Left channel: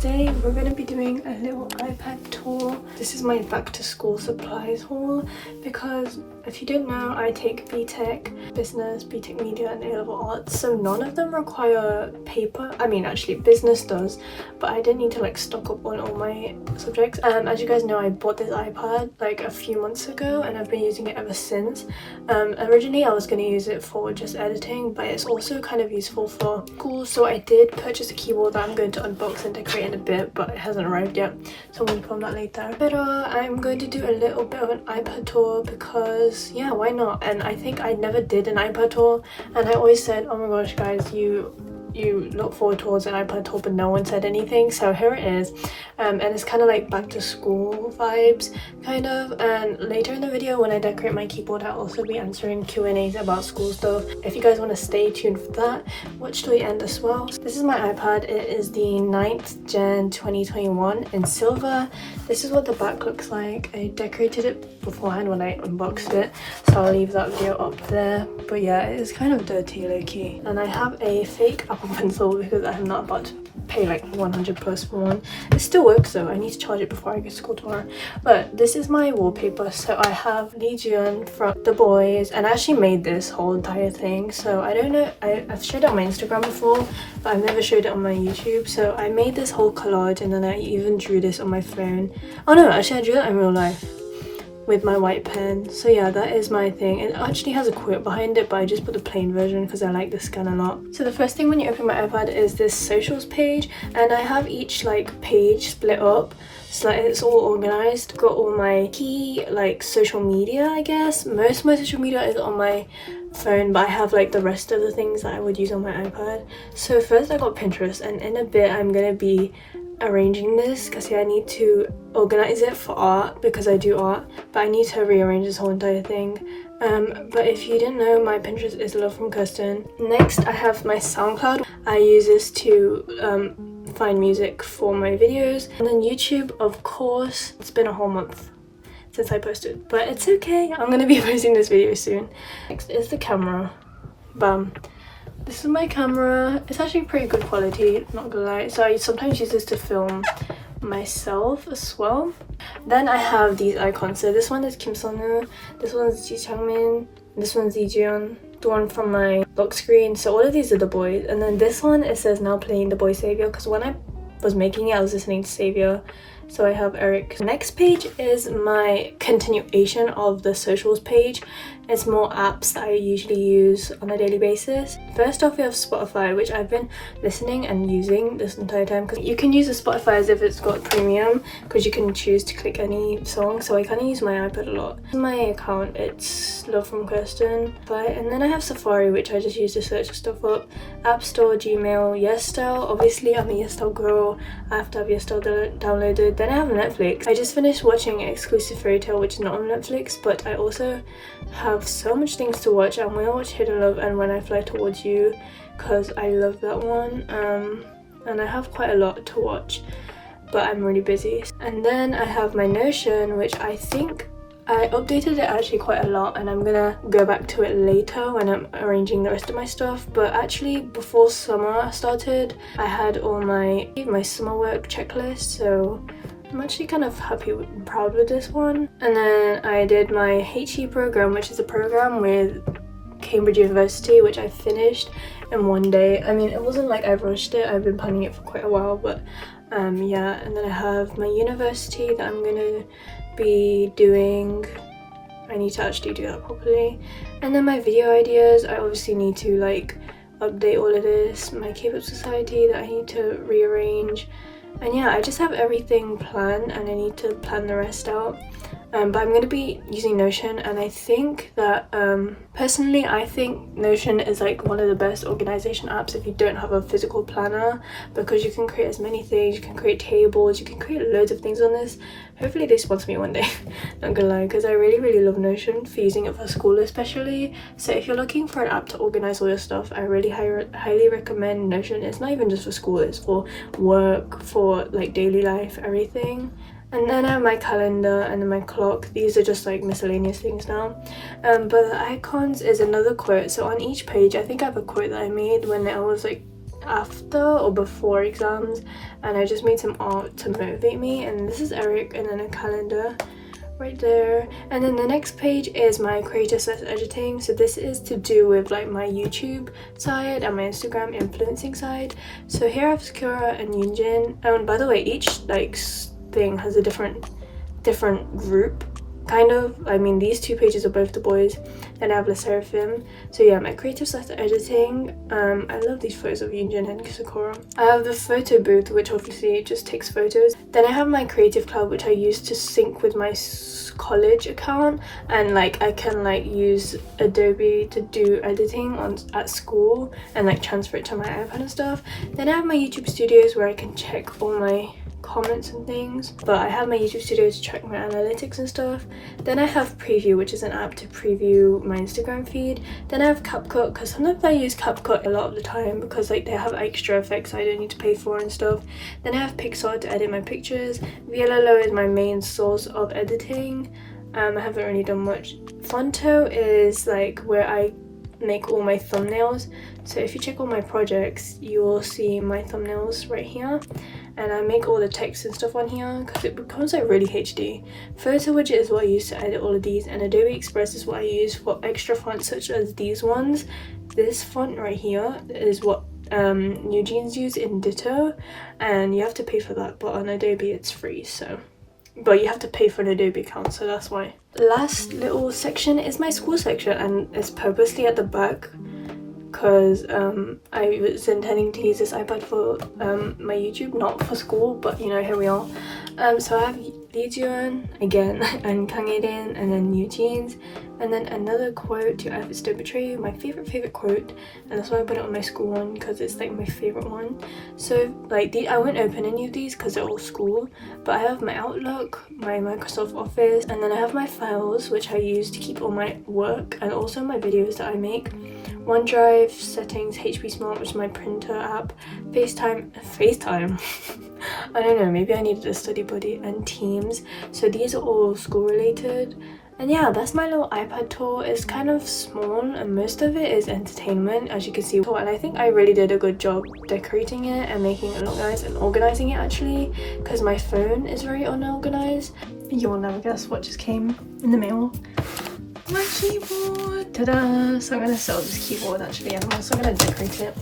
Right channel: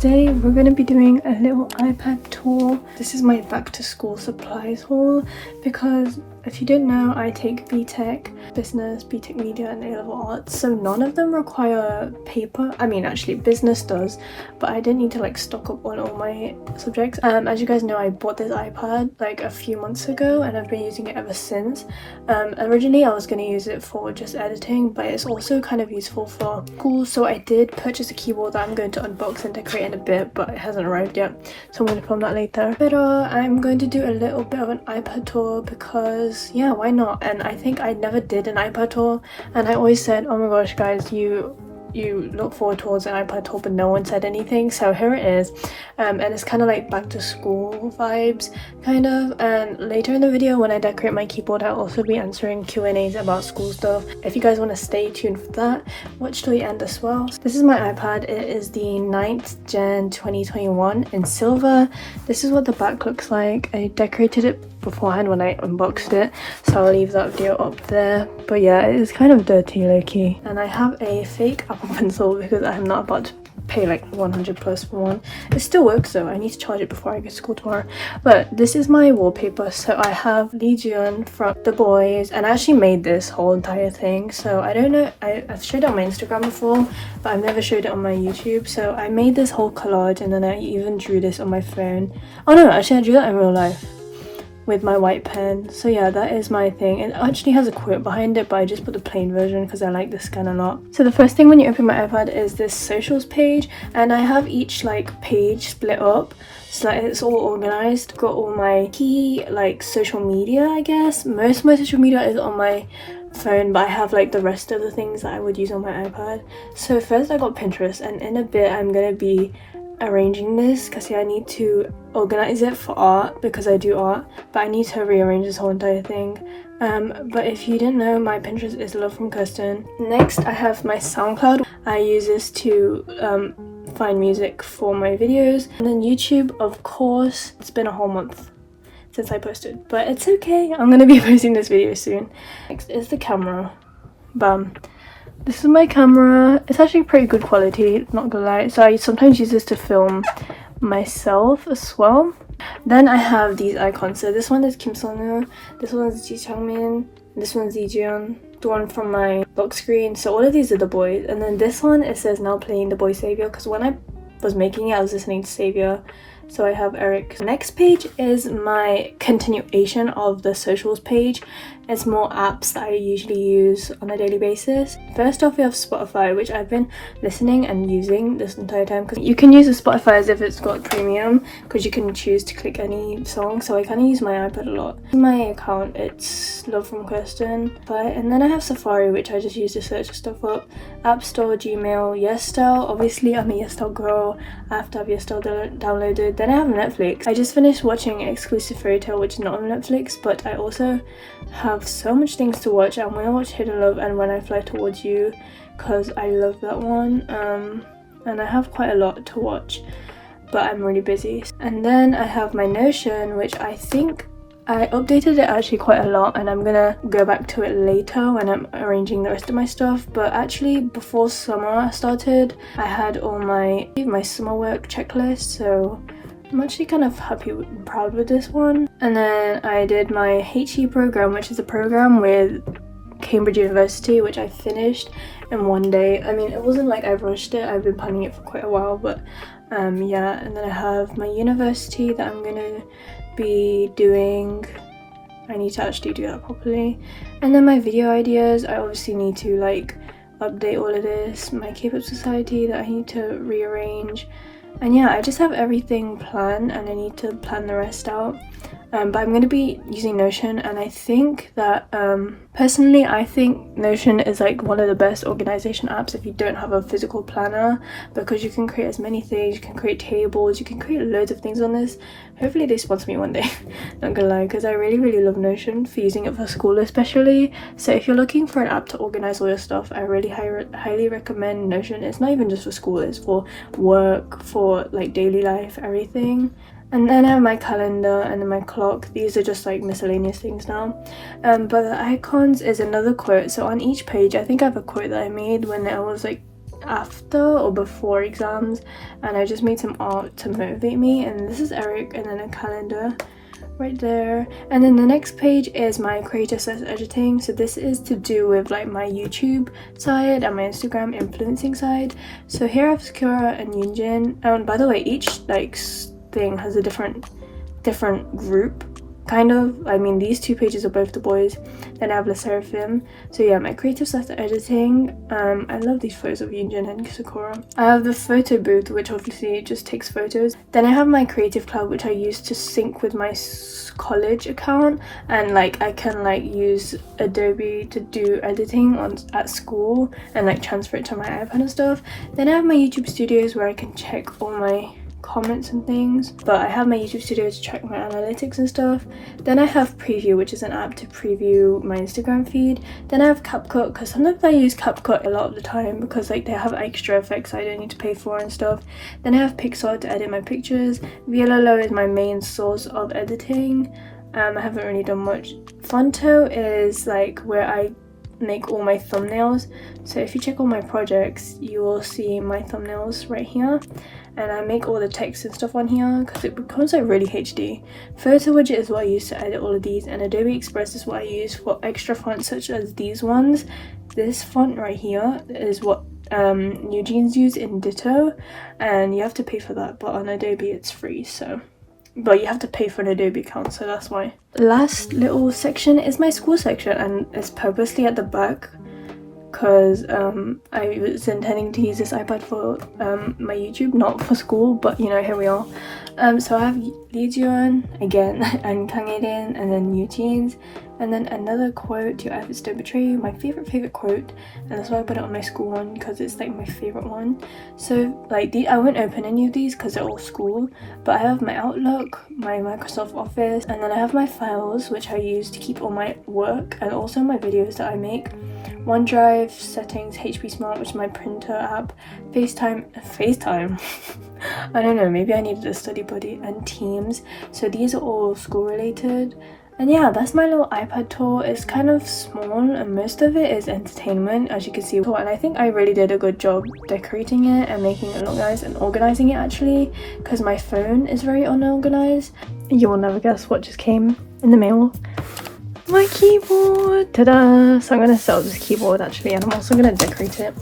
today we're going to be doing a little iPad tour. This is my back to school supplies haul because if you don't know, I take BTEC business, BTEC media and A-level arts, so none of them require paper. I mean, actually business does, but I didn't need to like stock up on all my subjects. As you guys know, I bought this iPad like a few months ago and I've been using it ever since. Originally I was going to use it for just editing, but it's also kind of useful for school, so I did purchase a keyboard that I'm going to unbox and decorate in a bit, but it hasn't arrived yet, so I'm going to film that later. But I'm going to do a little bit of an iPad tour because yeah, why not? And I think I never did an iPad tour, and I always said, oh my gosh guys, you look forward towards an iPad tour, but no one said anything, so here it is. And it's kind of like back to school vibes kind of, and later in the video when I decorate my keyboard I'll also be answering Q&As about school stuff. If you guys want to stay tuned for that, watch till the end as well. This is my iPad. It is the 9th Gen 2021 in silver. This is what the back looks like. I decorated it beforehand when I unboxed it, so I'll leave that video up there. But yeah, it is kind of dirty low-key, and I have a fake Apple Pencil because I'm not about to pay like 100 plus for one. It still works though. I need to charge it before I go to school tomorrow. But this is my wallpaper. So I have Legion from theboyz, and I actually made this whole entire thing. So I don't know, I've showed it on my Instagram before, but I've never showed it on my YouTube. So I made this whole collage, and then I even drew this on my phone. Oh no, actually I drew that in real life with my white pen. So yeah, that is my thing. It actually has a quote behind it, but I just put the plain version because I like the scan a lot. So the first thing when you open my iPad is this socials page, and I have each like page split up so that it's all organized. Got all my key like social media, I guess. Most of my social media is on my phone, but I have like the rest of the things that I would use on my iPad. So first I got Pinterest, and in a bit I'm gonna be arranging this because yeah, I need to organize it for art because I do art, but I need to rearrange this whole entire thing. But if you didn't know, my Pinterest is lovefromkirstyn. Next I have my SoundCloud. I use this to find music for my videos, and then YouTube, of course. It's been a whole month since I posted, but it's okay, I'm gonna be posting this video soon. Next is the camera. Bam. This is my camera. It's actually pretty good quality, not gonna lie. So I sometimes use this to film myself as well. Then I have these icons. So this one is Kim Sung-woo, this one is Ji Chang-min, this one is Ijeon, the one from my lock screen. So all of these are theboyz, and then this one, it says now playing theboyz Savior, because when I was making it I was listening to Savior. So I have Eric. The next page is my continuation of the socials page. It's more apps that I usually use on a daily basis. First off, we have Spotify, which I've been listening and using this entire time, because you can use the Spotify as if it's got premium, because you can choose to click any song. So I kind of use my iPad a lot. My account, it's lovefromkirstyn. And then I have Safari, which I just use to search stuff up. App Store, Gmail, yesstyle. Obviously I'm a yesstyle girl. I have to have yesstyle downloaded. Then I have Netflix. I just finished watching Exclusive Fairy Tale, which is not on Netflix, but I also have so much things to watch. I'm gonna watch Hidden Love and When I Fly Towards You because I love that one. And I have quite a lot to watch, but I'm really busy. And then I have my Notion, which I think I updated it actually quite a lot, and I'm gonna go back to it later when I'm arranging the rest of my stuff. But actually before summer started, I had all my summer work checklist, so I'm actually kind of happy and proud with this one. And then I did my HE program, which is a program with Cambridge University, which I finished in one day. I mean, it wasn't like I rushed it, I've been planning it for quite a while, but yeah. And then I have my university that I'm gonna be doing. I need to actually do that properly. And then my video ideas, I obviously need to like update all of this. My K-pop society that I need to rearrange. And yeah, I just have everything planned, and I need to plan the rest out. But I'm going to be using Notion, and I think that personally I think Notion is like one of the best organization apps if you don't have a physical planner, because you can create as many things, you can create tables, you can create loads of things on this. Hopefully they sponsor me one day, not gonna lie, because I really love Notion for using it for school especially. So if you're looking for an app to organize all your stuff, I really highly recommend Notion. It's not even just for school, it's for work, for like daily life, everything. And then I have my calendar and then my clock. These are just like miscellaneous things now. But the icons is another quote. So on each page, I think I have a quote that I made when I was like after or before exams, and I just made some art to motivate me. And this is Eric, and then a calendar right there. And then the next page is my creative editing. So this is to do with like my YouTube side and my Instagram influencing side. So here I have Sakura and Yunjin, and by the way, each like thing has a different group kind of. I mean, these two pages are both the boys. Then I have lesserafim. So yeah, my creative editing. I love these photos of Yunjin and Sakura. I have the photo booth, which obviously just takes photos. Then I have my creative cloud, which I use to sync with my college account, and like I can like use Adobe to do editing at school and like transfer it to my iPad and stuff. Then I have my YouTube studios where I can check all my comments and things, but I have my YouTube studio to check my analytics and stuff. Then I have Preview, which is an app to preview my Instagram feed. Then I have CapCut, because sometimes I use CapCut a lot of the time because like they have extra effects I don't need to pay for and stuff. Then I have Pixar to edit my pictures. Vllo is my main source of editing. I haven't really done much. Fonto is like where I make all my thumbnails. So if you check all my projects, you will see my thumbnails right here, and I make all the text and stuff on here because it becomes like really HD. Photo widget is what I use to edit all of these, and Adobe Express is what I use for extra fonts such as these ones. This font right here is what newjeans use in Ditto, and you have to pay for that, but on Adobe it's free. So but you have to pay for an Adobe account, so that's why. Last little section is my school section, and it's purposely at the back because I was intending to use this iPad for my YouTube, not for school, but you know, here we are. So I have Leejuan again, and Kangedin, and then newjeans, and then another quote to Efforts Don't Betray You, my favorite quote, and that's why I put it on my school one because it's like my favorite one. So like I won't open any of these because they're all school, but I have my Outlook, my Microsoft Office, and then I have my files which I use to keep all my work and also my videos that I make. OneDrive, settings, HP Smart, which is my printer app, FaceTime I don't know, maybe I needed a study buddy, and Teams. So these are all school related. And yeah, that's my little iPad tour. It's kind of small and most of it is entertainment, as you can see, and I think I really did a good job decorating it and making it look nice and organizing it actually, because my phone is very unorganized. You will never guess what just came in the mail. My keyboard! Ta-da! So I'm going to sell this keyboard actually, and I'm also going to decorate it.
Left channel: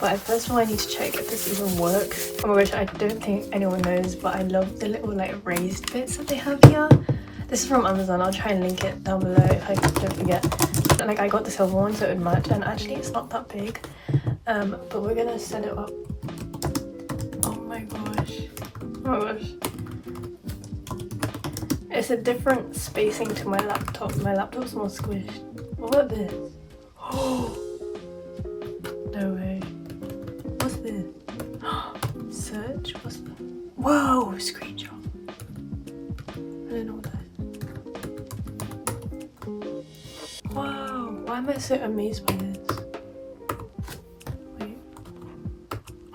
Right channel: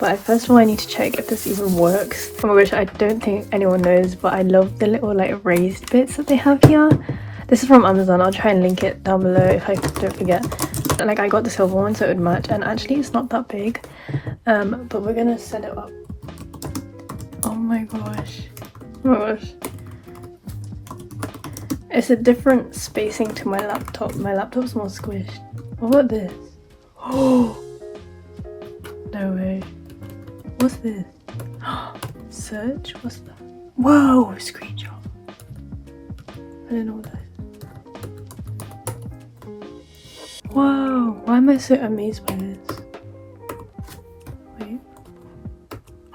But first of all, I need to check if this even works, which I don't think anyone knows, but I love the little like raised bits that they have here. This is from Amazon. I'll try and link it down below if I don't forget. Like I got the silver one so it would match, and actually it's not that big. But we're going to set it up. Oh my gosh. Oh my gosh. It's a different spacing to my laptop. My laptop's more squished. What about this? Oh! No way. What's this? Search? What's that? Whoa! Screenshot. I don't know what that is. Whoa! Why am I so amazed by this? Wait.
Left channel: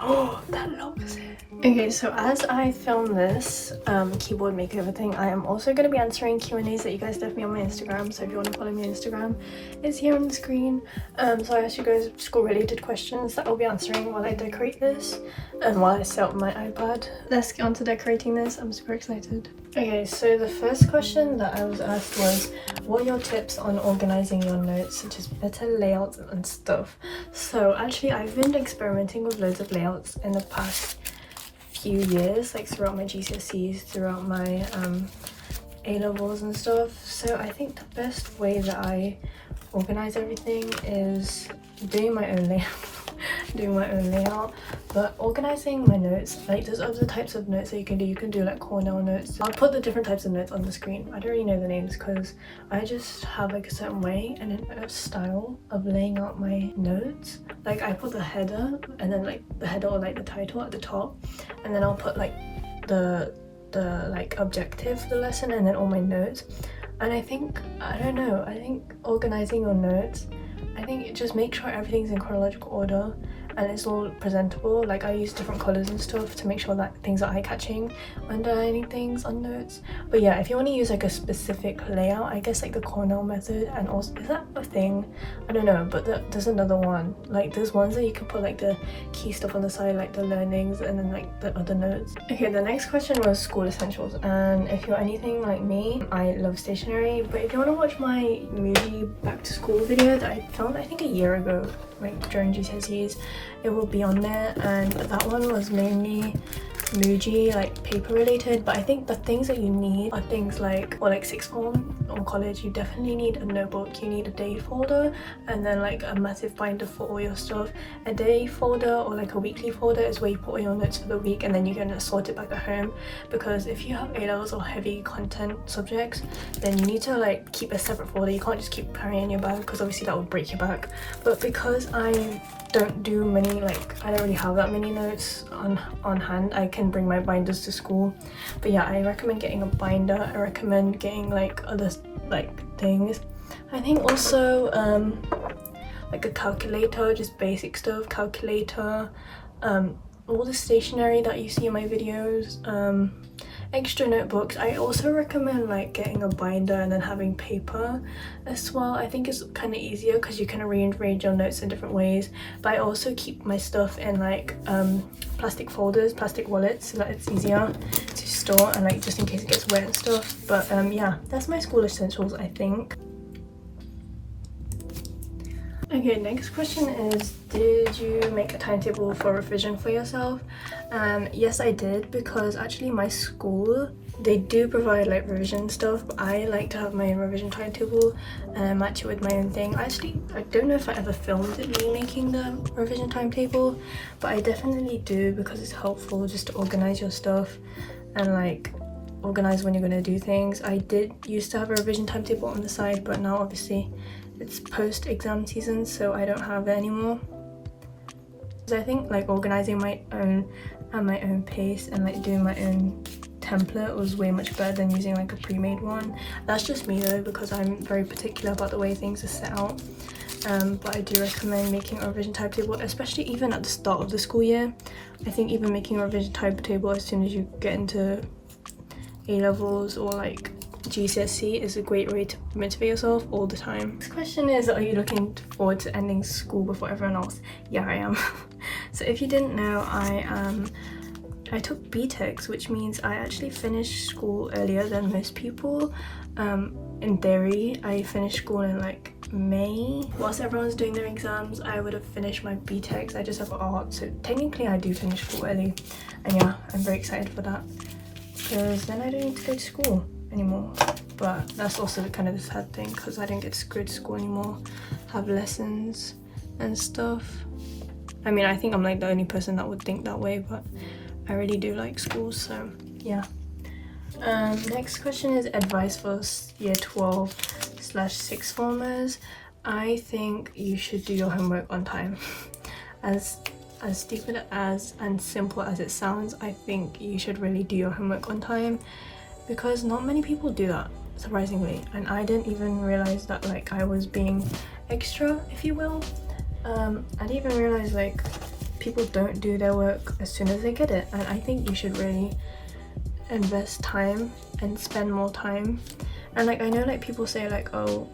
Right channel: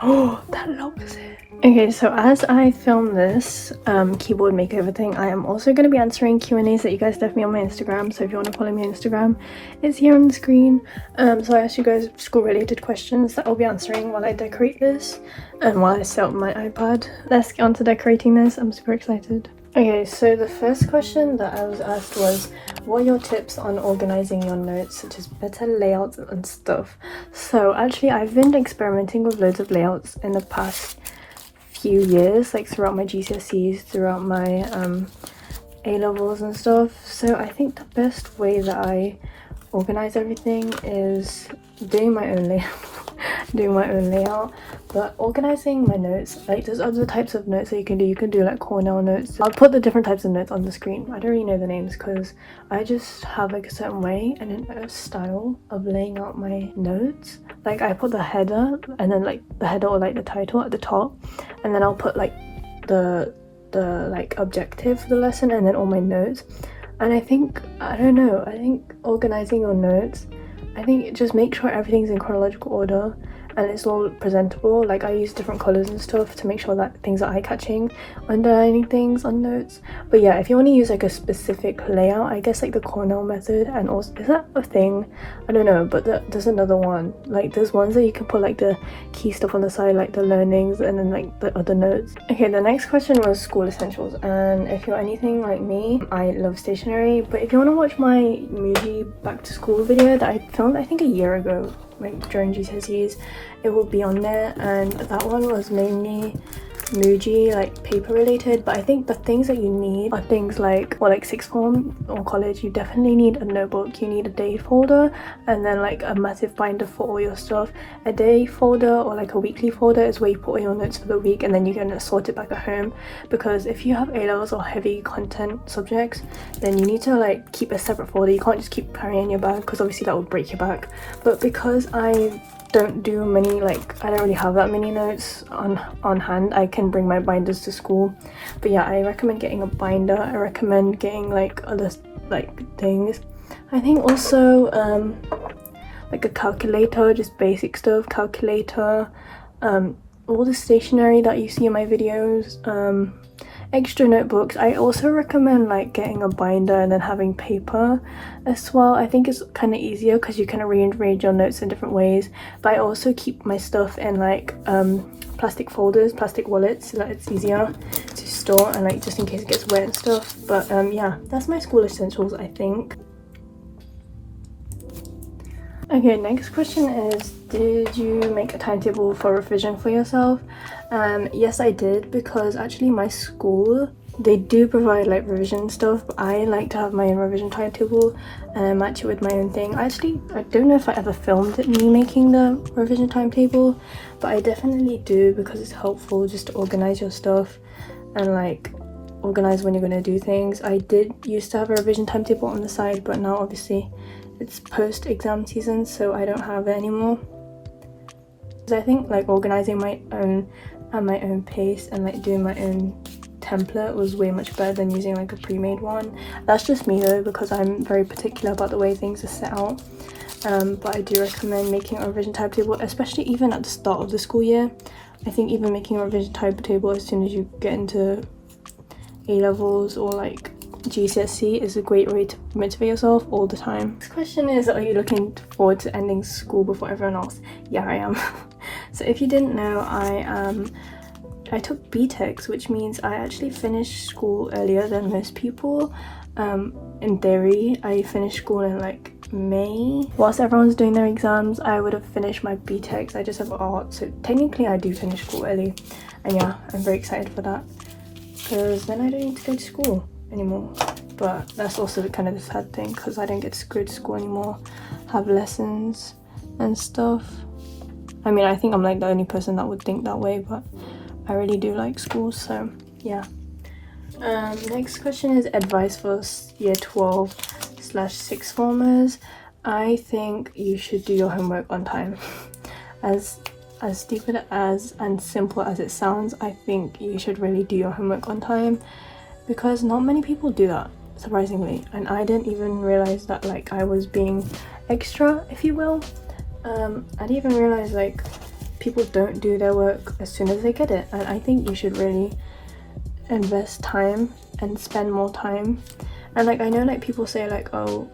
Oh! That locks it. Okay, so as I film this keyboard makeover thing, I am also going to be answering Q&As that you guys left me on my Instagram. So if you want to follow me on Instagram, it's here on the screen. So I asked you guys school related questions that I'll be answering while I decorate this and while I set up my iPad. Let's get on to decorating this. I'm super excited. Okay, so the first question that I was asked was, what are your tips on organizing your notes, such as better layouts and stuff? So actually I've been experimenting with loads of layouts in the past few years, like throughout my GCSEs, throughout my A-levels and stuff. So I think the best way that I organize everything is doing my own layout, but organizing my notes, like there's other types of notes that you can do. You can do like Cornell notes. I'll put the different types of notes on the screen. I don't really know the names because I just have like a certain way and a style of laying out my notes. Like I put the header, and then like the header or like the title at the top, and then I'll put like the like objective for the lesson, and then all my notes. And I think organizing your notes, I think just make sure everything's in chronological order, and it's all presentable. Like I use different colors and stuff to make sure that things are eye-catching, underlining things on notes. But yeah, if you want to use like a specific layout, I guess like the Cornell method, and also, is that a thing? I don't know, but there's another one. Like there's ones that you can put like the key stuff on the side, like the learnings, and then like the other notes. Okay, the next question was school essentials, and if you're anything like me, I love stationery. But if you want to watch my MAKEOVER back to school video that I filmed I think a year ago, like during GCSEs, it will be on there, and that one was mainly MAKEOVER, like paper related. But I think the things that you need are things like, or like sixth form or college, you definitely need a notebook, you need a day folder, and then like a massive binder for all your stuff. A day folder or like a weekly folder is where you put all your notes for the week, and then you can sort it back at home, because if you have A-levels or heavy content subjects, then you need to like keep a separate folder. You can't just keep carrying in your bag, because obviously that would break your back. But because I don't do many, like I don't really have that many notes on hand, I can bring my binders to school. But yeah, I recommend getting a binder. I recommend getting like other like things. I think also like a calculator, just basic stuff, calculator, all the stationery that you see in my videos, extra notebooks. I also recommend like getting a binder and then having paper as well. I think it's kind of easier because you can rearrange your notes in different ways. But I also keep my stuff in like plastic folders, plastic wallets, so that it's easier to store, and like just in case it gets wet and stuff. But yeah, that's my school essentials, I think. Okay, next question is, did you make a timetable for revision for yourself? Yes, I did, because actually my school, they do provide like revision stuff, but I like to have my own revision timetable and match it with my own thing. Actually, I don't know if I ever filmed me making the revision timetable, but I definitely do, because it's helpful just to organize your stuff and like organize when you're going to do things. I did used to have a revision timetable on the side, but now obviously it's post-exam season, so I don't have it anymore. So I think like organizing my own at my own pace and like doing my own template was way much better than using like a pre-made one. That's just me though, because I'm very particular about the way things are set out. But I do recommend making a revision timetable, especially even at the start of the school year. I think even making a revision timetable as soon as you get into A-levels or like GCSE is a great way to motivate yourself all the time. Next question is, are you looking forward to ending school before everyone else? Yeah, I am. So if you didn't know, I took BTECs, which means I actually finished school earlier than most people. In theory, I finished school in like May. Whilst everyone's doing their exams, I would have finished my BTECs. I just have art, so technically I do finish school early. And yeah, I'm very excited for that, because then I don't need to go to school anymore. But that's also kind of the sad thing, because I don't get to go to school anymore, have lessons and stuff. I mean, I think I'm like the only person that would think that way, but I really do like school, so yeah. Next question is advice for year 12/6 formers. I think you should do your homework on time. As stupid as and simple as it sounds, I think you should really do your homework on time, because not many people do that, surprisingly. And I didn't even realize that like I was being extra, if you will. I didn't even realize like people don't do their work as soon as they get it, and I think you should really invest time and spend more time. And like I know like people say like, oh,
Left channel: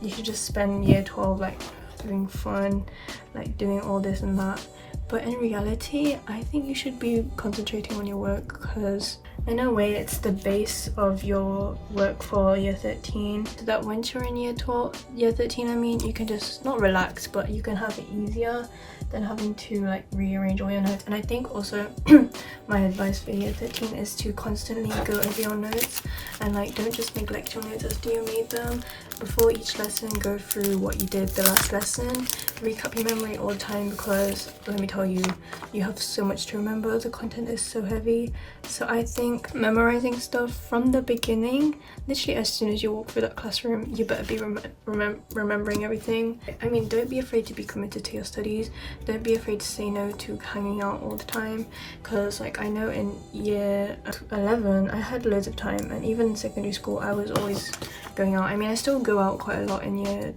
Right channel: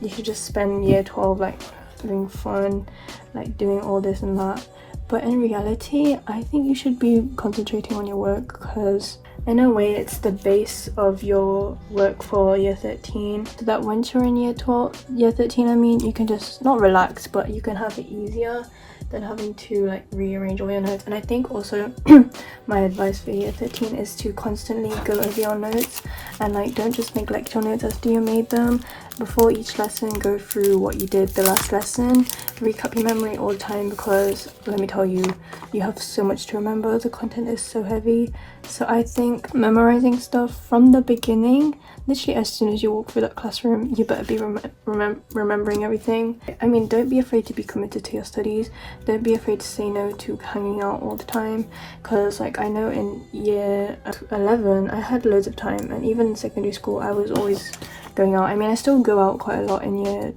you should just spend year 12 like having fun, like doing all this and that, but in reality I think you should be concentrating on your work, because in a way it's the base of your work for year 13, so that once you're in year 13 I mean, you can just not relax, but you can have it easier than having to like rearrange all your notes. And I think also my advice for year 13 is to constantly go over your notes, and like don't just neglect your notes after you made them. Before each lesson, go through what you did the last lesson, recap your memory all the time, because let me tell you, you have so much to remember. The content is so heavy. So I think memorizing stuff from the beginning, literally as soon as you walk through that classroom, you better be remembering everything. I mean, don't be afraid to be committed to your studies. Don't be afraid to say no to hanging out all the time, because like I know in year 11 I had loads of time, and even in secondary school I was always going out. I mean, I still go out quite a lot in year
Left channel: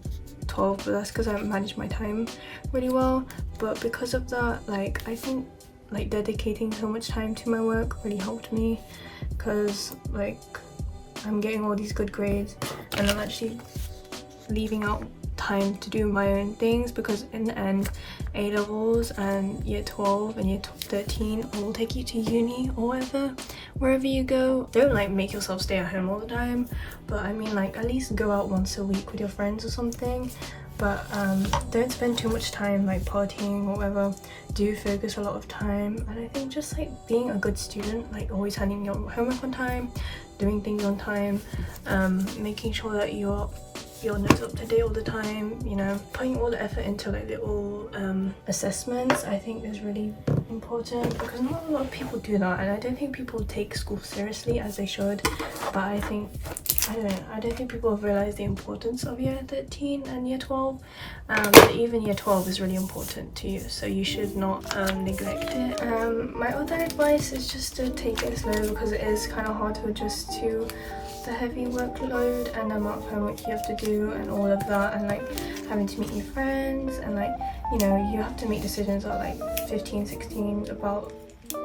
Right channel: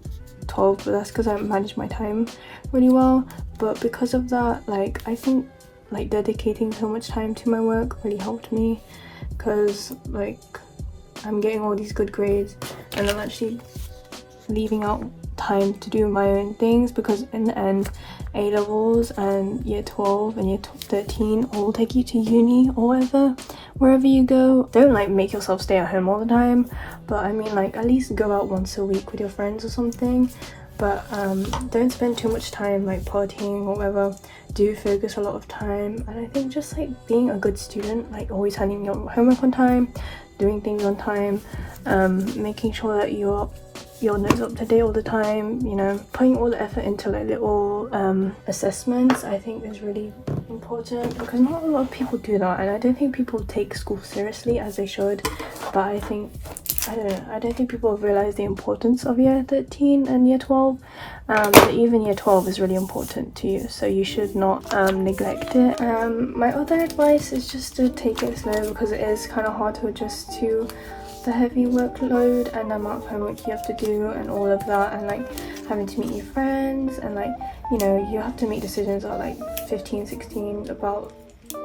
12, but that's because I manage my time really well. but because of that, like I think like dedicating so much time to my work really helped me, because like I'm getting all these good grades and I'm actually leaving out time to do my own things, because in the end A levels and year 12 and year 13 will take you to uni or wherever you go. Don't like make yourself stay at home all the time, but I mean like at least go out once a week with your friends or something, but don't spend too much time like partying or whatever. Do focus a lot of time, and I think just like being a good student, like always handing your homework on time, doing things on time, making sure that your notes up to date all the time, you know, putting all the effort into like little assessments, I think is really important, because not a lot of people do that, and I don't think people take school seriously as they should. But I don't think people have realized the importance of year 13 and year 12. But even year 12 is really important to you, so you should not neglect it. My other advice is just to take it slow, because it is kind of hard to adjust to the heavy workload and the amount of homework you have to do and all of that, and like having to meet new friends, and like, you know, you have to make decisions at like 15, 16 about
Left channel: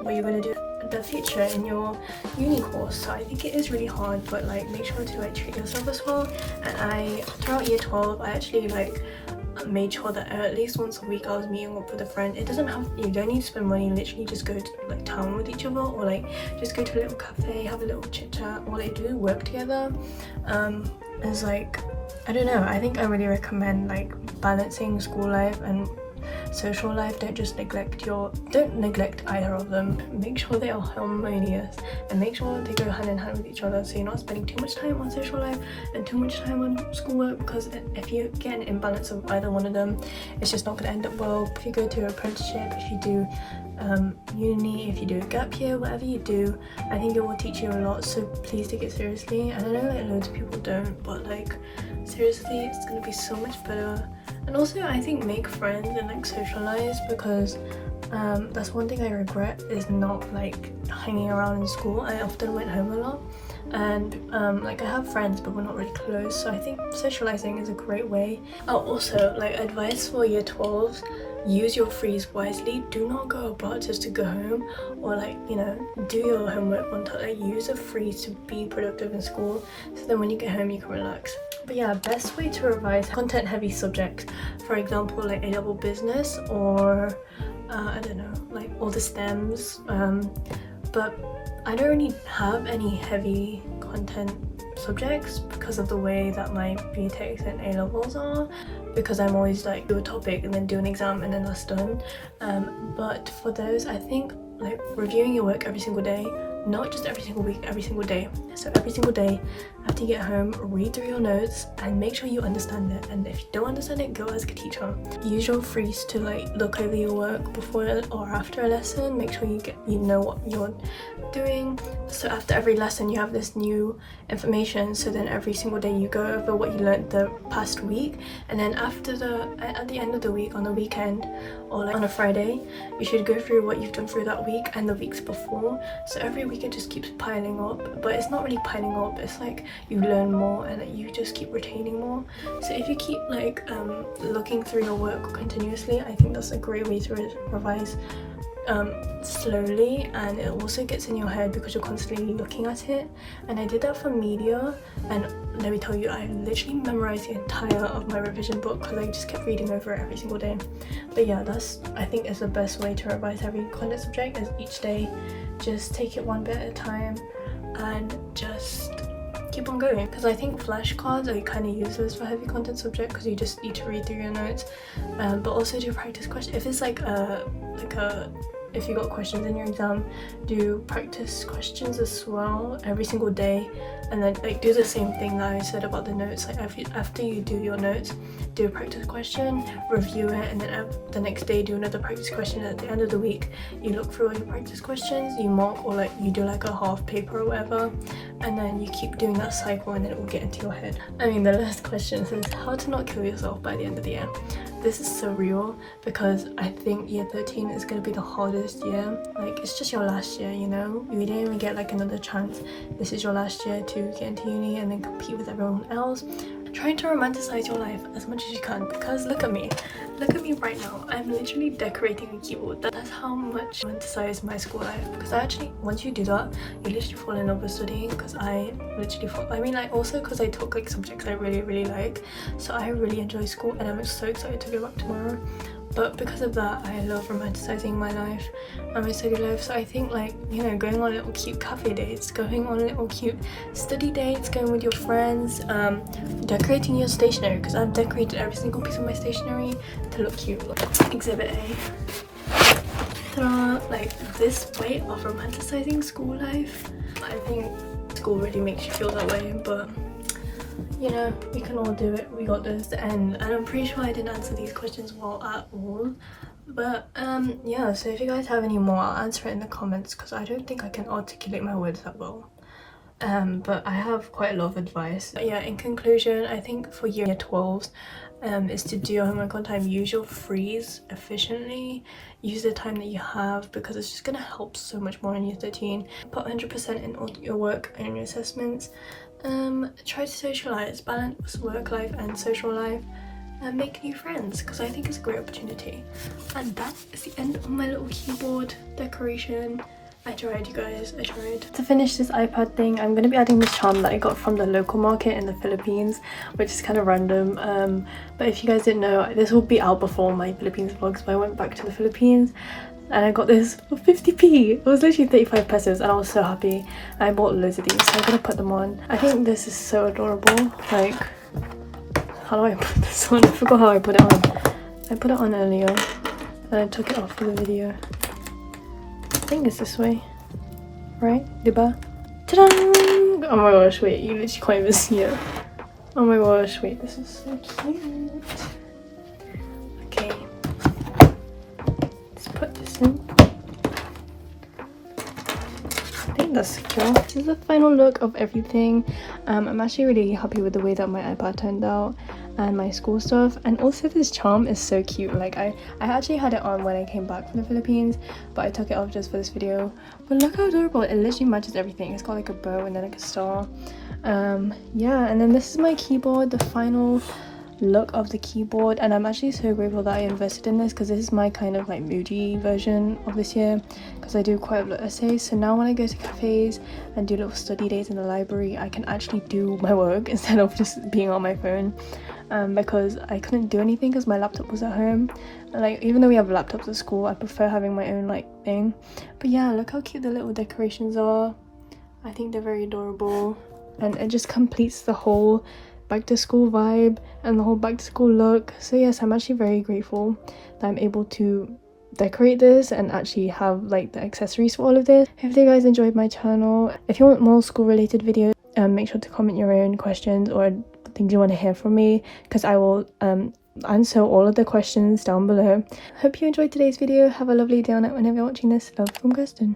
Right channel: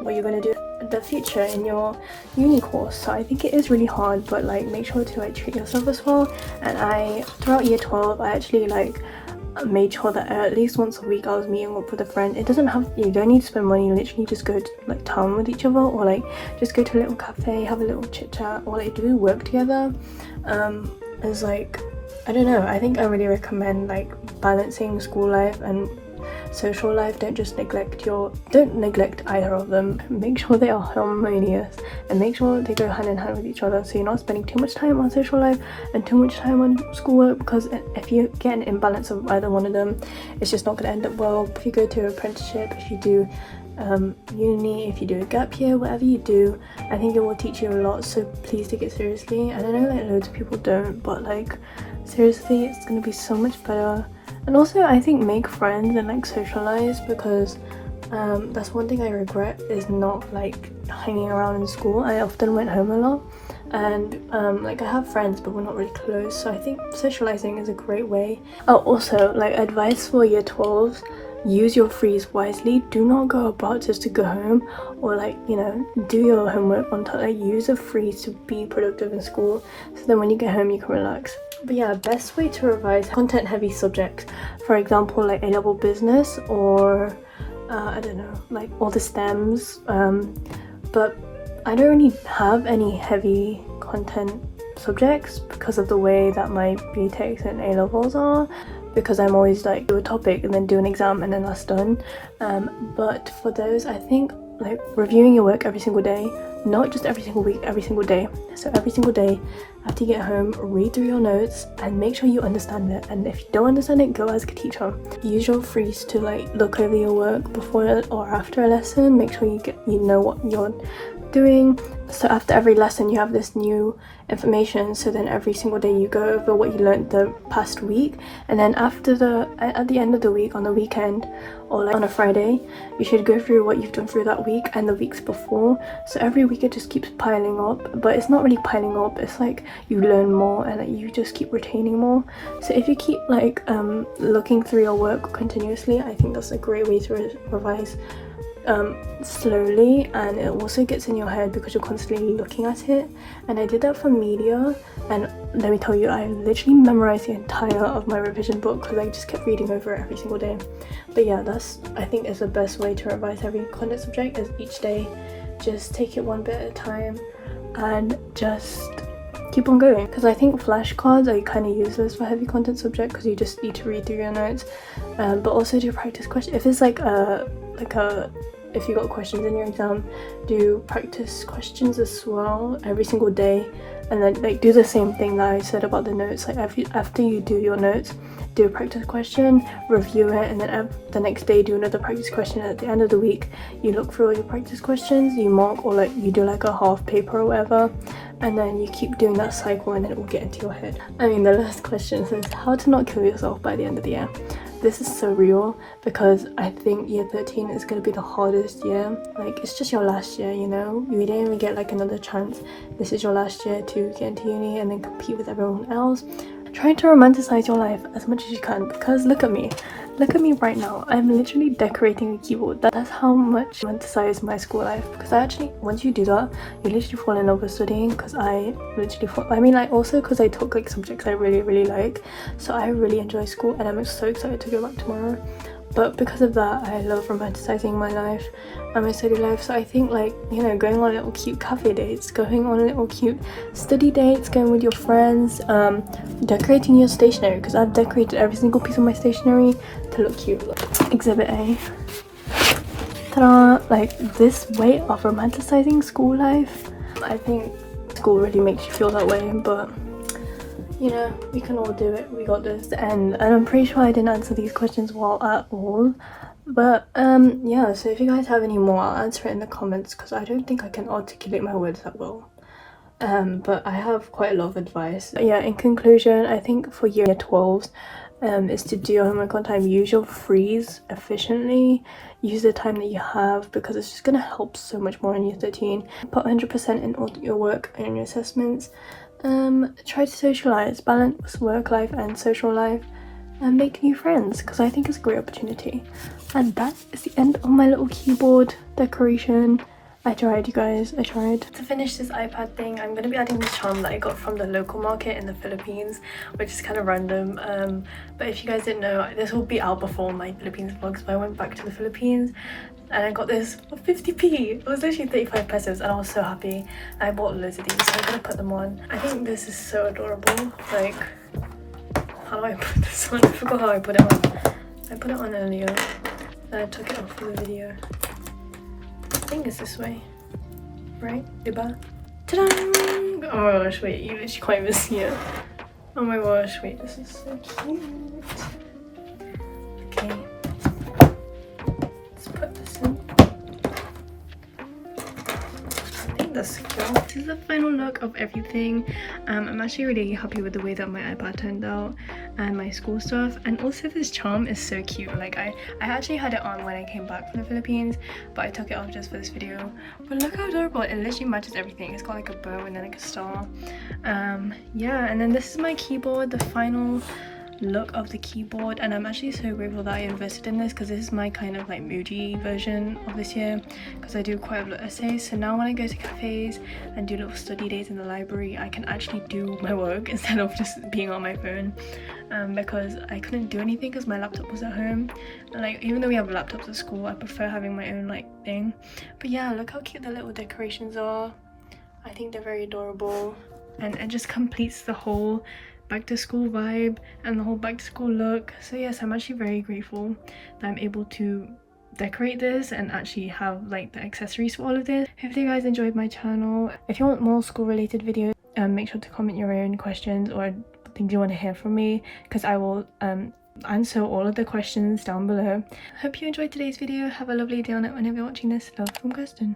what you're going to do in the future in your uni course. So I think it is really hard, but like make sure to like treat yourself as well. And throughout year 12 I actually like made sure that at least once a week I was meeting up with a friend. You don't need to spend money, literally just go to like town with each other, or like just go to a little cafe, have a little chit chat, or like do work together. It's like, I don't know, I think I really recommend like balancing school life and social life. Don't neglect either of them. Make sure they are harmonious and make sure they go hand in hand with each other, so you're not spending too much time on social life and too much time on schoolwork, because if you get an imbalance of either one of them, it's just not going to end up well. If you go to an apprenticeship, if you do uni, if you do a gap year, whatever you do, I think it will teach you a lot, so please take it seriously. And I know like loads of people don't, but like seriously, it's going to be so much better. And also I think make friends and like socialize, because that's one thing I regret, is not like hanging around in school. I often went home a lot, and like I have friends but we're not really close, so I think socializing is a great way. Oh, also like advice for year 12s, use your frees wisely. Do not go about just to go home, or like, you know, do your homework on time. Like use a freeze to be productive in school, so then when you get home you can relax. But yeah, best way to revise content heavy subjects, for example like A-level business, or I don't know, like all the stems, but I don't really have any heavy content subjects because of the way that my BTECs and A-levels are, because I'm always like do a topic and then do an exam and then that's done. But for those, I think like reviewing your work every single day, not just every single week, every single day. So every single day after you get home, read through your notes and make sure you understand it, and if you don't understand it, go ask a teacher. Use your freeze to like look over your work before or after a lesson. Make sure you know what you're doing, so after every lesson you have this new information, so then every single day you go over what you learned the past week, and then at the end of the week, on the weekend or like on a Friday, you should go through what you've done through that week and the weeks before. So every week it just keeps piling up, but it's not really piling up, it's like you learn more and like, you just keep retaining more. So if you keep like looking through your work continuously, I think that's a great way to revise slowly, and it also gets in your head because you're constantly looking at it. And I did that for media, and let me tell you, I literally memorized the entire of my revision book because I just kept reading over it every single day. But yeah, that's, I think, is the best way to revise every content subject, is each day just take it one bit at a time and just keep on going. Because I think flashcards are kind of useless for heavy content subject because you just need to read through your notes, but also do practice questions. If it's if you got questions in your exam, do practice questions as well every single day, and then like do the same thing that I said about the notes. Like after you do your notes, do a practice question, review it, and then the next day do another practice question. At the end of the week, you look through all your practice questions, you mark, or like you do like a half paper or whatever, and then you keep doing that cycle, and then it will get into your head. I mean, the last question says how to not kill yourself by the end of the year. This is so real because I think year 13 is going to be the hardest year. Like, it's just your last year, you know? You didn't even get like another chance. This is your last year to get into uni and then compete with everyone else. try to romanticize your life as much as you can, because look at me right now. I'm literally decorating a keyboard. That's how much I romanticize my school life, because I actually, once you do that, you literally fall in love with studying. Because I literally fall, I mean, like, also because I took like subjects I really like, so I really enjoy school and I'm so excited to go back tomorrow. But because of that, I love romanticizing my life and my study life. So I think, like, you know, going on little cute cafe dates, going on little cute study dates, going with your friends, decorating your stationery, because I've decorated every single piece of my stationery to look cute. Exhibit A. Ta-da! Like, this way of romanticizing school life. I think school really makes you feel that way, but you know, we can all do it. We got this. And I'm pretty sure I didn't answer these questions well at all, but yeah, so if you guys have any more, I'll answer it in the comments, because I don't think I can articulate my words that well. But I have quite a lot of advice. But yeah, in conclusion, I think for year 12s is to do homework time. Use your frees efficiently, use the time that you have, because it's just gonna help so much more in year 13. Put 100% in all your work and your assessments. Try to socialize, balance work life and social life, and make new friends, because I think it's a great opportunity. And that is the end of my little keyboard decoration. I tried, you guys, I tried. To finish this iPad thing, I'm going to be adding this charm that I got from the local market in the Philippines, which is kind of random. But if you guys didn't know, this will be out before my Philippines vlogs, but I went back to the Philippines and I got this for 50p. It was literally 35 pesos and I was so happy. I bought loads of these, so I'm going to put them on. I think this is so adorable. Like, how do I put this on? I forgot how I put it on. I put it on earlier and I took it off for the video. I think it's this way, right? Diba? Ta-da! Oh my gosh, wait, you literally can't even see it. Oh my gosh, wait, this is so cute. Okay. Let's put this in. I think that's secure. This is the final look of everything. I'm actually really happy with the way that my iPad turned out and my school stuff, and also this charm is so cute. Like, I actually had it on when I came back from the Philippines, but I took it off just for this video. But look how adorable, it literally matches everything. It's got like a bow and then like a star. Yeah, and then this is my keyboard, the final look of the keyboard, and I'm actually so grateful that I invested in this, because this is my kind of like moody version of this year, because I do quite a lot of essays. So now when I go to cafes and do little study days in the library, I can actually do my work instead of just being on my phone, because I couldn't do anything because my laptop was at home. Like, even though we have laptops at school, I prefer having my own like thing. But yeah, look how cute the little decorations are. I think they're very adorable, and it just completes the whole back to school vibe and the whole back to school look. So yes, I'm actually very grateful that I'm able to decorate this and actually have like the accessories for all of this. Hopefully you guys enjoyed my channel. If you want more school related videos, make sure to comment your own questions or things you want to hear from me, because I will answer all of the questions down below. Hope you enjoyed today's video. Have a lovely day on it whenever you're watching this. Love from Kirstyn.